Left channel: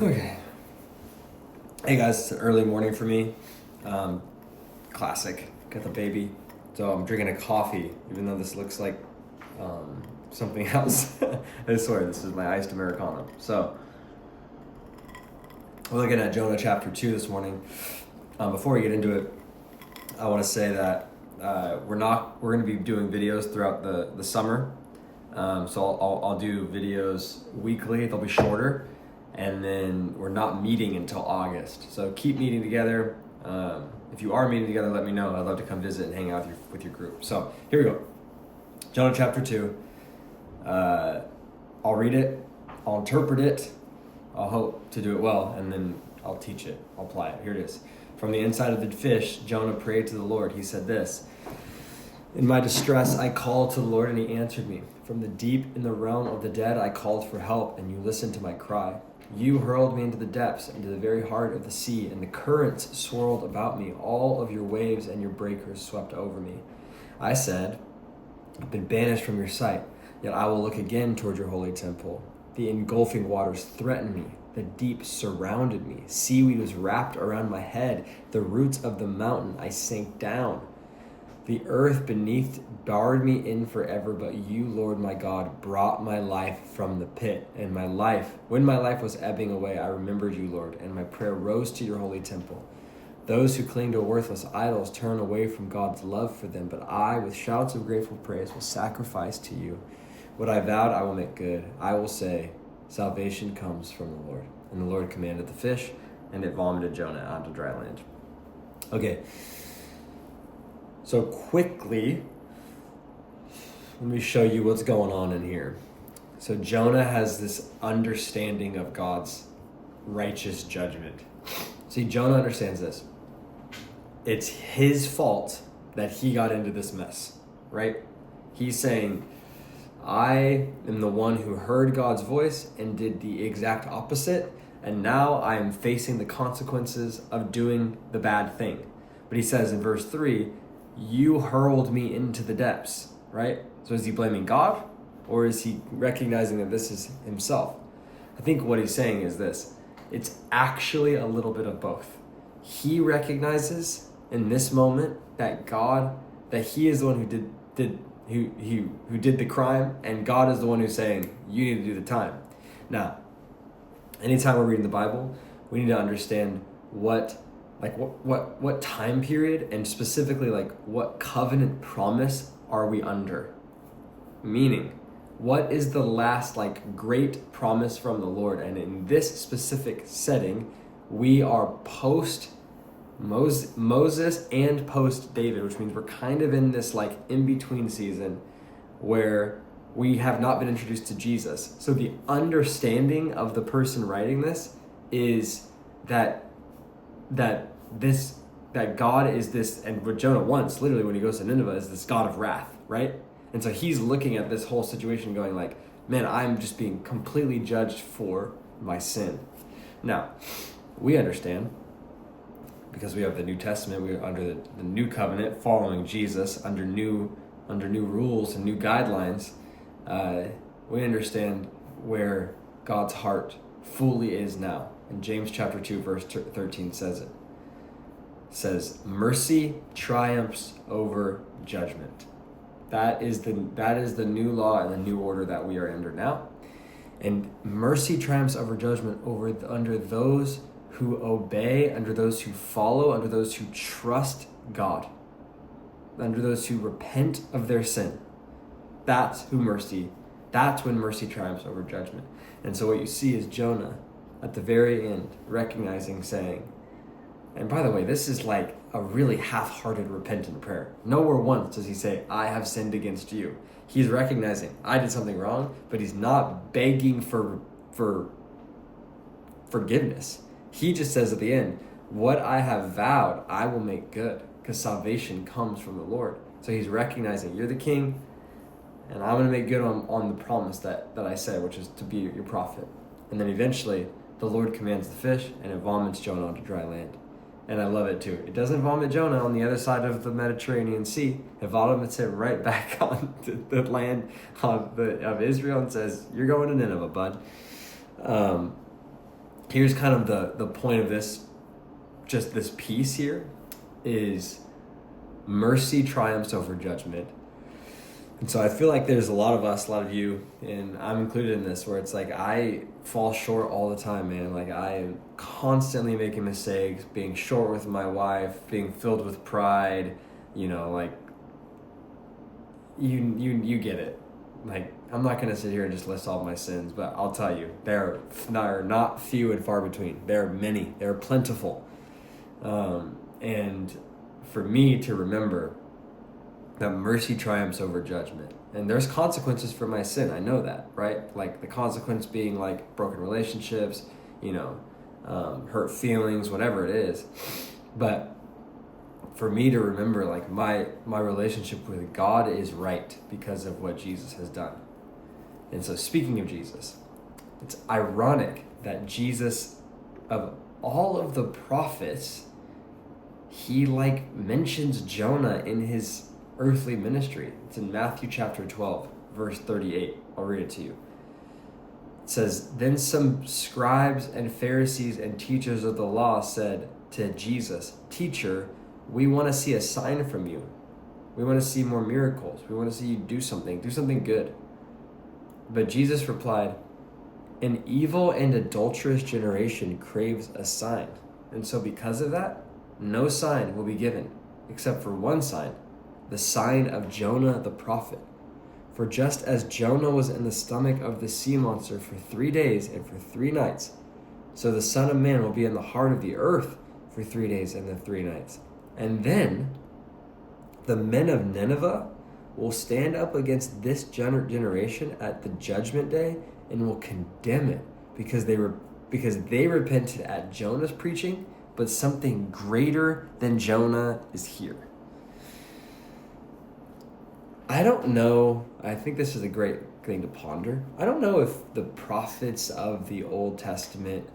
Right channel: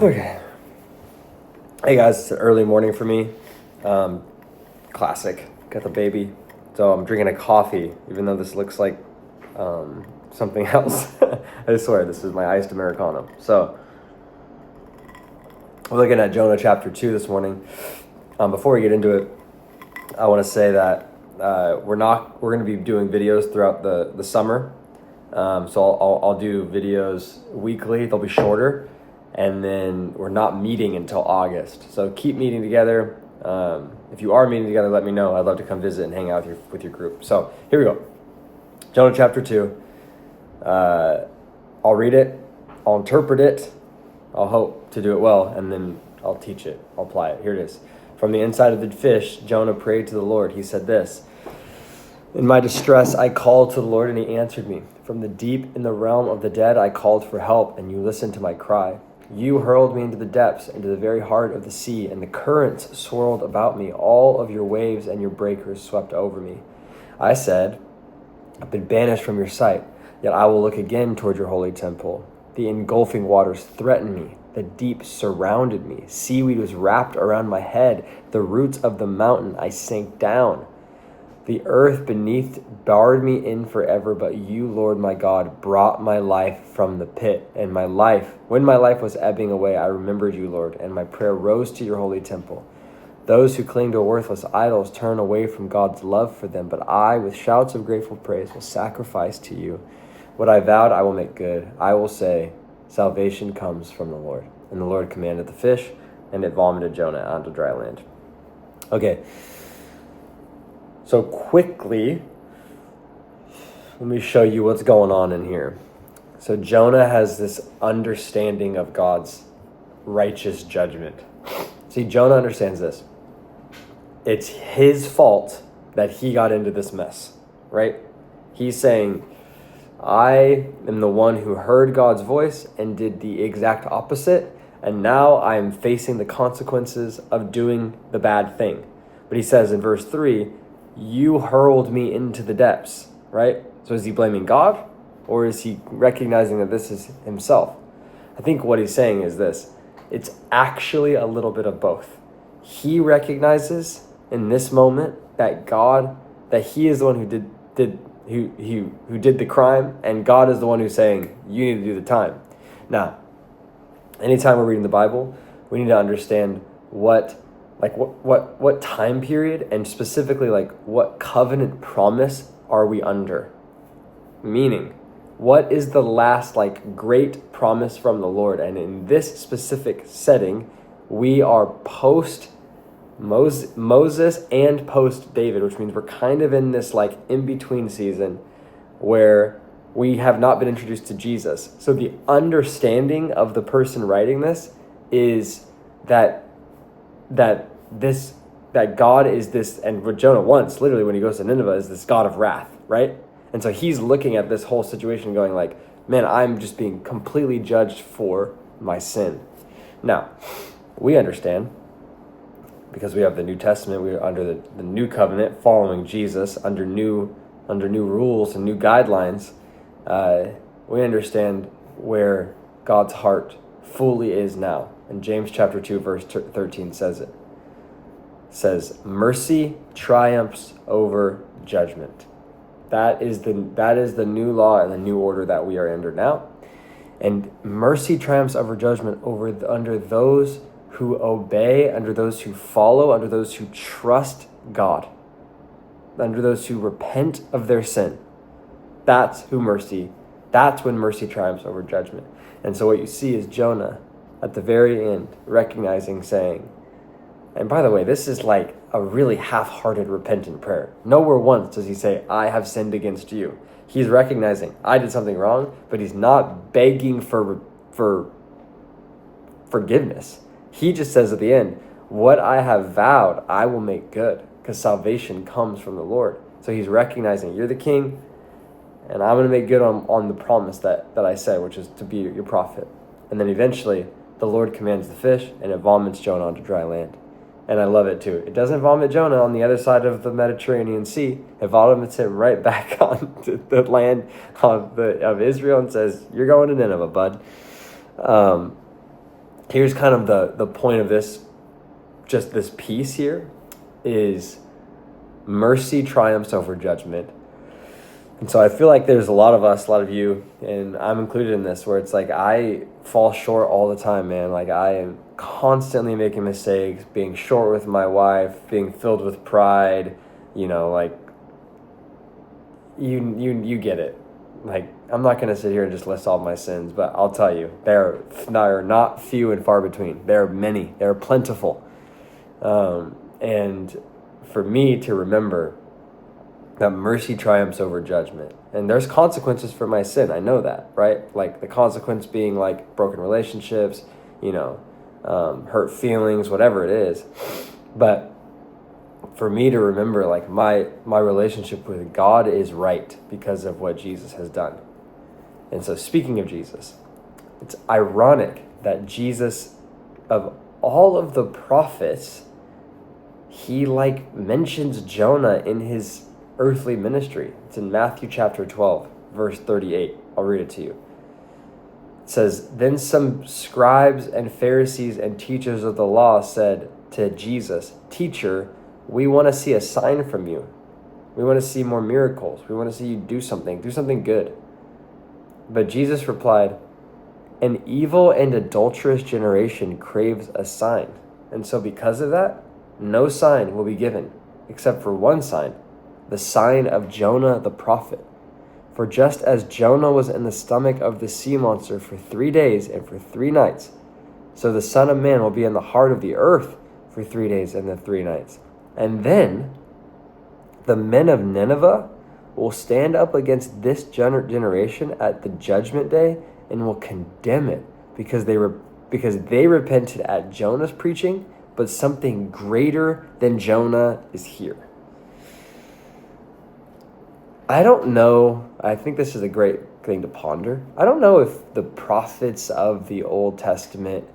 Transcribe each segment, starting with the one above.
Okay. Hey guys, it's an early morning for me. Classic. Got the baby. So I'm drinking a coffee, even though this looks like something else. I swear, this is my iced Americano. So we're looking at Jonah chapter 2 this morning. Before we get into it, I want to say that we're going to be doing videos throughout the summer. So I'll do videos weekly. They'll be shorter. And then we're not meeting until August. So keep meeting together. If you are meeting together, let me know. I'd love to come visit and hang out with your group. So here we go. Jonah chapter 2. I'll read it. I'll interpret it. I'll hope to do it well. And then I'll teach it. I'll apply it. Here it is. From the inside of the fish, Jonah prayed to the Lord. He said this: "In my distress, I called to the Lord, and he answered me. From the deep in the realm of the dead, I called for help, and you listened to my cry. You hurled me into the depths, into the very heart of the sea, and the currents swirled about me. All of your waves and your breakers swept over me. I said, I've been banished from your sight, yet I will look again toward your holy temple. The engulfing waters threatened me. The deep surrounded me. Seaweed was wrapped around my head. The roots of the mountain, I sank down. The earth beneath barred me in forever, but you, Lord my God, brought my life from the pit. And when my life was ebbing away, I remembered you, Lord, and my prayer rose to your holy temple. Those who cling to worthless idols turn away from God's love for them, but I, with shouts of grateful praise, will sacrifice to you. What I vowed, I will make good. I will say, salvation comes from the Lord." And the Lord commanded the fish, and it vomited Jonah onto dry land. Okay. So quickly, let me show you what's going on in here. So Jonah has this understanding of God's righteous judgment. See, Jonah understands this. It's his fault that he got into this mess, right? He's saying, I am the one who heard God's voice and did the exact opposite, and now I am facing the consequences of doing the bad thing. But he says in verse 3, you hurled me into the depths, right? So is he blaming God, or is he recognizing that this is himself? I think what he's saying is this: it's actually a little bit of both. He recognizes in this moment that he is the one who did the crime, and God is the one who's saying, you need to do the time. Now, anytime we're reading the Bible, we need to understand what time period, and specifically what covenant promise are we under? Meaning, what is the last great promise from the Lord? And in this specific setting, we are post Moses and post David, which means we're kind of in this in-between season where we have not been introduced to Jesus. So the understanding of the person writing this is that God is this, and what Jonah wants, literally when he goes to Nineveh, is this God of wrath, right? And so he's looking at this whole situation going man, I'm just being completely judged for my sin. Now, we understand, because we have the New Testament, we are under the new covenant, following Jesus, under new rules and new guidelines. We understand where God's heart fully is now. And James chapter 2, verse 13 says it. Says, mercy triumphs over judgment. That is the new law and the new order that we are under now. And mercy triumphs over judgment under those who obey, under those who follow, under those who trust God, under those who repent of their sin. That's when mercy triumphs over judgment. And so what you see is Jonah at the very end recognizing, saying, and by the way, this is a really half-hearted repentant prayer. Nowhere once does he say, I have sinned against you. He's recognizing, I did something wrong, but he's not begging for forgiveness. He just says at the end, what I have vowed, I will make good, because salvation comes from the Lord. So he's recognizing, you're the king, and I'm going to make good on the promise that I said, which is to be your prophet. And then eventually, the Lord commands the fish, and it vomits Jonah onto dry land. And I love it too. It doesn't vomit Jonah on the other side of the Mediterranean Sea. It vomits him right back onto the land of Israel and says, you're going to Nineveh, bud. here's kind of the point of this, just this piece here, is mercy triumphs over judgment. And so I feel like there's a lot of us, a lot of you, and I'm included in this, where it's like I fall short all the time, man. Like I am constantly making mistakes, being short with my wife, being filled with pride, like you get it. Like, I'm not going to sit here and just list all my sins, but I'll tell you, they are not few and far between. They are many. They are plentiful. And for me to remember that mercy triumphs over judgment. And there's consequences for my sin. I know that, right? Like the consequence being like broken relationships, hurt feelings, whatever it is. But for me to remember, like my relationship with God is right because of what Jesus has done. And so speaking of Jesus, it's ironic that Jesus, of all of the prophets, he mentions Jonah in his earthly ministry. It's in Matthew chapter 12, verse 38. I'll read it to you. It says, "Then some scribes and Pharisees and teachers of the law said to Jesus, 'Teacher, we want to see a sign from you. We want to see more miracles. We want to see you do something good.' But Jesus replied, 'An evil and adulterous generation craves a sign. And so because of that, no sign will be given except for one sign, the sign of Jonah the prophet. For just as Jonah was in the stomach of the sea monster for 3 days and for 3 nights, so the Son of Man will be in the heart of the earth for 3 days and 3 nights. And then the men of Nineveh will stand up against this generation at the judgment day and will condemn it because they repented at Jonah's preaching, but something greater than Jonah is here.'" I don't know. I think this is a great thing to ponder. I don't know if the prophets of the Old Testament,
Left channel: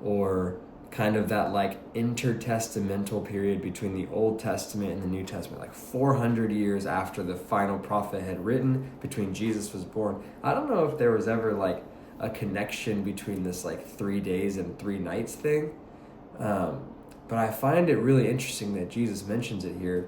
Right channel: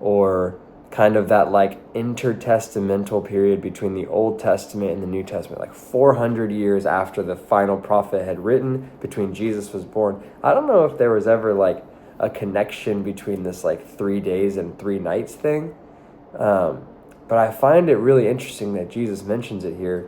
or kind of that intertestamental period between the Old Testament and the New Testament, 400 years after the final prophet had written, between Jesus was born, I don't know if there was ever a connection between this 3 days and 3 nights thing. But I find it really interesting that Jesus mentions it here.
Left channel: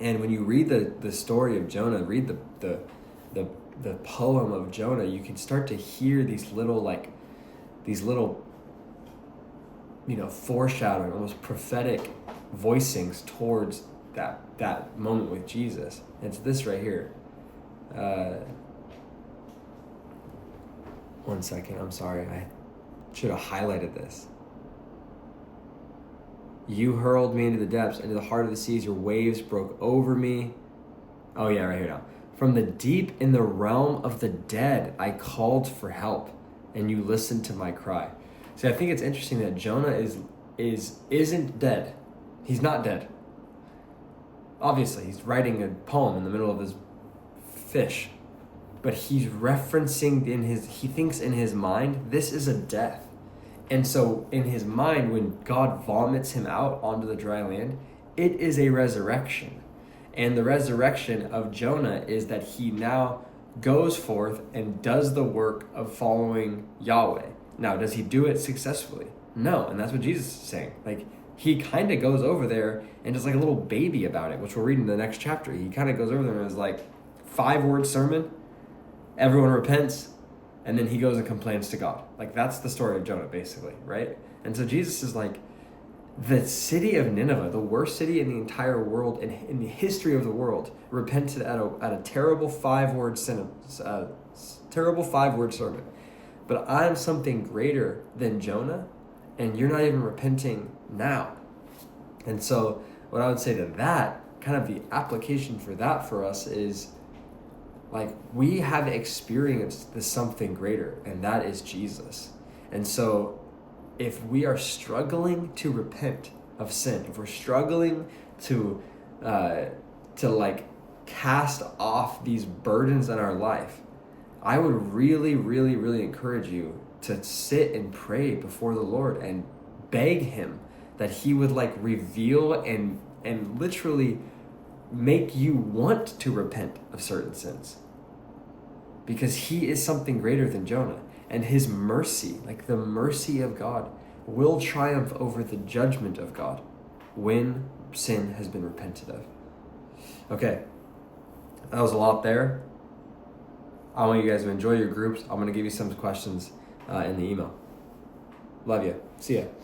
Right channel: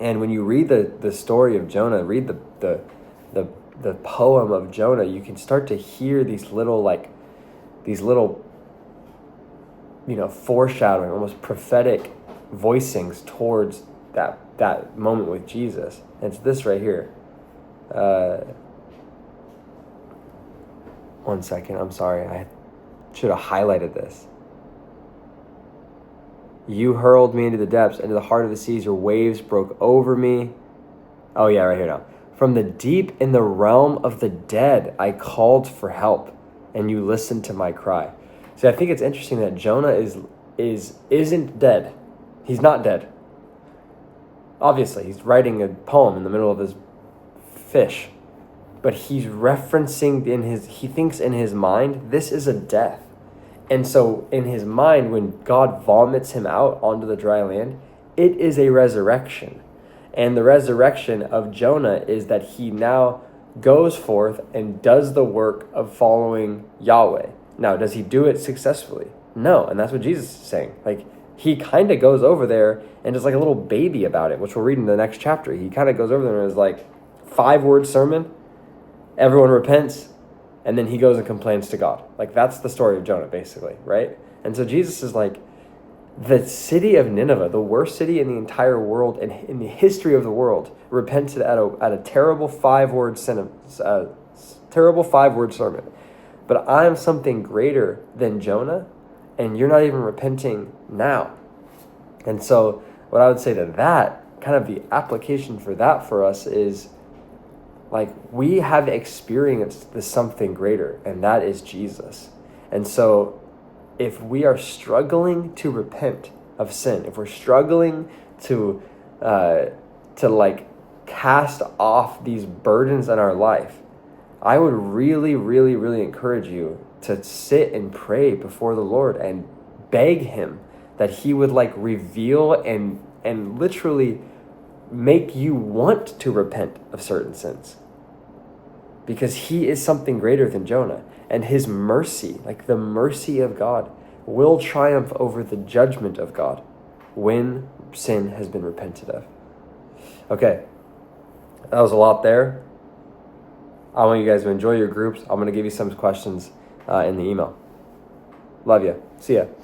And when you read the story of Jonah, read the poem of Jonah, you can start to hear these little foreshadowing, almost prophetic voicings towards that moment with Jesus. And it's this right here. One second, I'm sorry, I should have highlighted this. "You hurled me into the depths, into the heart of the seas. Your waves broke over me." Oh yeah, right here now. "From the deep in the realm of the dead, I called for help, and you listened to my cry." See, I think it's interesting that Jonah isn't dead. He's not dead. Obviously, he's writing a poem in the middle of his fish, but he's referencing he thinks in his mind, this is a death. And so in his mind, when God vomits him out onto the dry land, it is a resurrection. And the resurrection of Jonah is that he now goes forth and does the work of following Yahweh. Now, does he do it successfully? No. And that's what Jesus is saying. He kind of goes over there and is like a little baby about it, which we'll read in the next chapter. He kind of goes over there and is 5-word sermon. Everyone repents. And then he goes and complains to God. That's the story of Jonah, basically, right? And so Jesus is the city of Nineveh, the worst city in the entire world and in the history of the world, repented at a terrible 5-word sermon. But I am something greater than Jonah, and you're not even repenting now. And so what I would say to that, kind of the application for that for us is, we have experienced the something greater, and that is Jesus. And so if we are struggling to repent of sin, if we're struggling to cast off these burdens in our life, I would really, really, really encourage you to sit and pray before the Lord and beg him that he would reveal and literally make you want to repent of certain sins. Because he is something greater than Jonah. And his mercy, like the mercy of God, will triumph over the judgment of God when sin has been repented of. Okay, that was a lot there. I want you guys to enjoy your groups. I'm going to give you some questions in the email. Love you. See ya.